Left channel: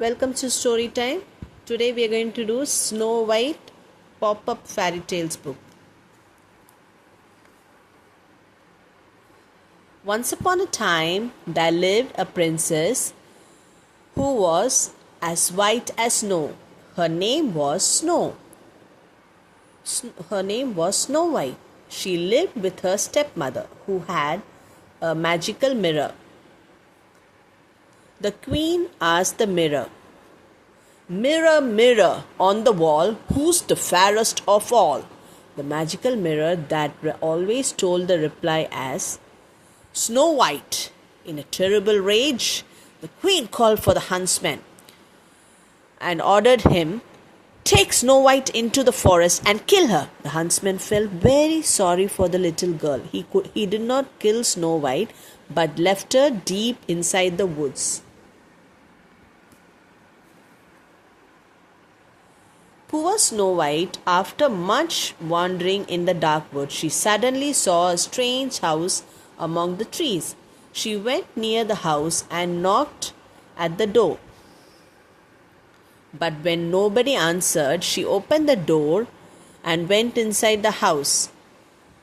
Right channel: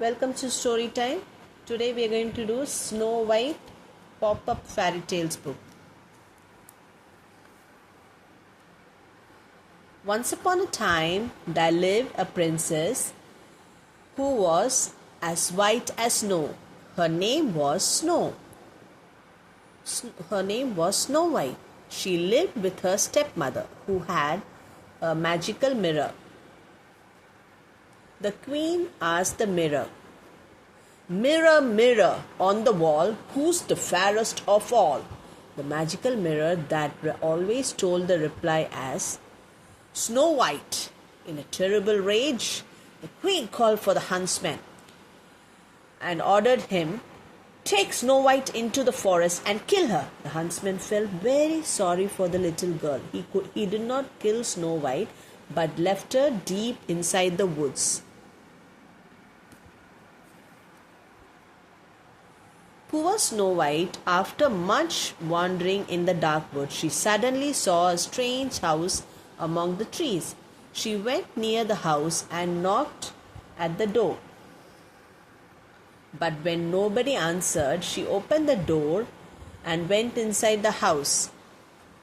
Welcome to Story Time. Today we are going to do Snow White Pop-Up Fairy Tales book. Once upon a time, there lived a princess who was as white as snow. Her name was Snow. Her name was Snow White. She lived with her stepmother, who had a magical mirror. The queen asked the mirror, "Mirror, mirror on the wall, who's the fairest of all?" The magical mirror that always told the reply as Snow White. In a terrible rage, the queen called for the huntsman and ordered him, "Take Snow White into the forest and kill her." The huntsman felt very sorry for the little girl. He did not kill Snow White, but left her deep inside the woods. Poor Snow White, after much wandering in the dark wood, she suddenly saw a strange house among the trees. She went near the house and knocked at the door. But when nobody answered, she opened the door and went inside the house.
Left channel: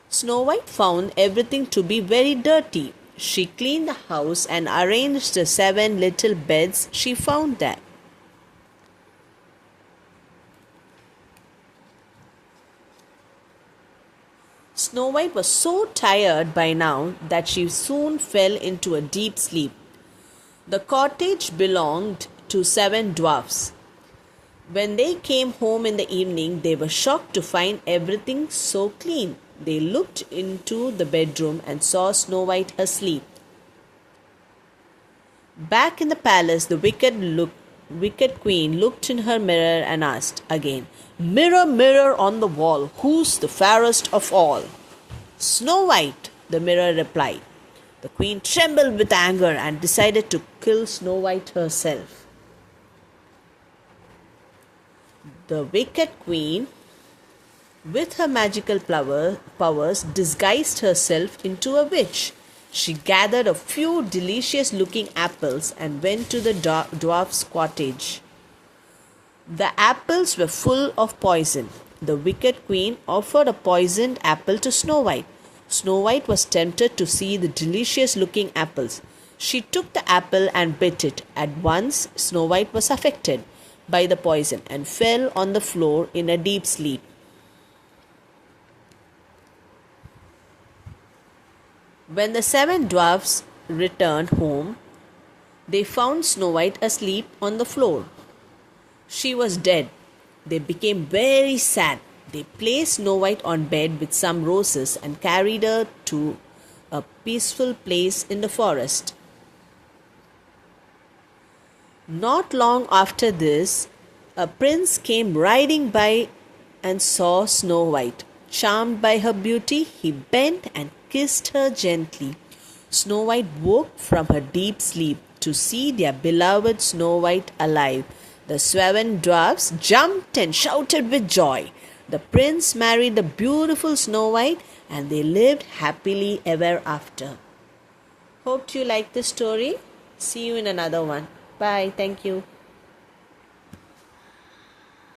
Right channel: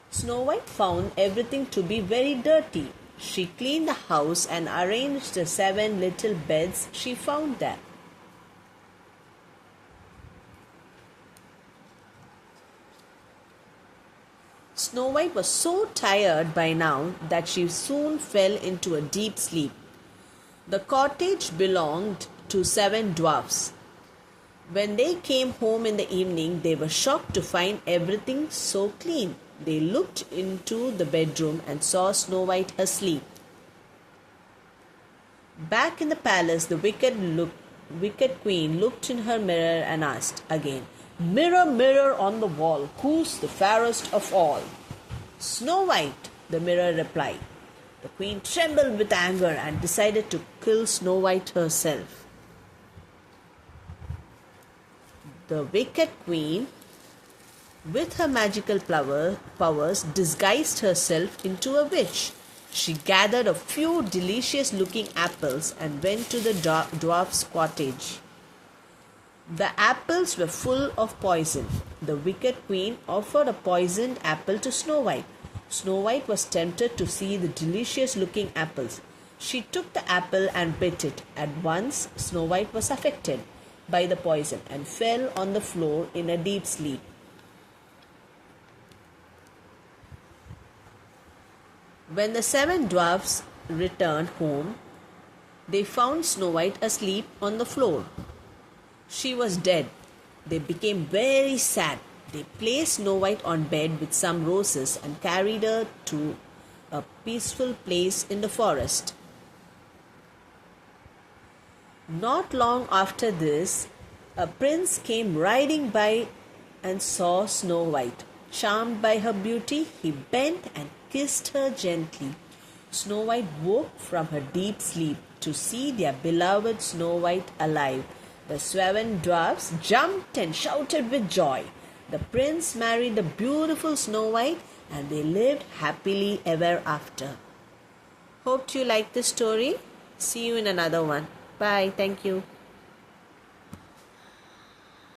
Snow White found everything to be very dirty. She cleaned the house and arranged the 7 little beds she found there. Snow White was so tired by now that she soon fell into a deep sleep. The cottage belonged to 7 dwarfs. When they came home in the evening, they were shocked to find everything so clean. They looked into the bedroom and saw Snow White asleep. Back in the palace, the wicked queen looked in her mirror and asked again, "Mirror, mirror on the wall, who's the fairest of all?" "Snow White," the mirror replied. The queen trembled with anger and decided to kill Snow White herself. The wicked queen, with her magical powers, disguised herself into a witch. She gathered a few delicious-looking apples and went to the dwarf's cottage. The apples were full of poison. The wicked queen offered a poisoned apple to Snow White. Snow White was tempted to see the delicious-looking apples. She took the apple and bit it. At once, Snow White was affected by the poison and fell on the floor in a deep sleep. When the 7 dwarfs returned home, they found Snow White asleep on the floor. She was dead. They became very sad. They placed Snow White on bed with some roses and carried her to a peaceful place in the forest. Not long after this, a prince came riding by and saw Snow White. Charmed by her beauty, he bent and kissed her gently. Snow White woke from her deep sleep to see their beloved Snow White alive. The 7 dwarfs jumped and shouted with joy. The prince married the beautiful Snow White and they lived happily ever after. Hope you like this story. See you in another one. Bye. Thank you.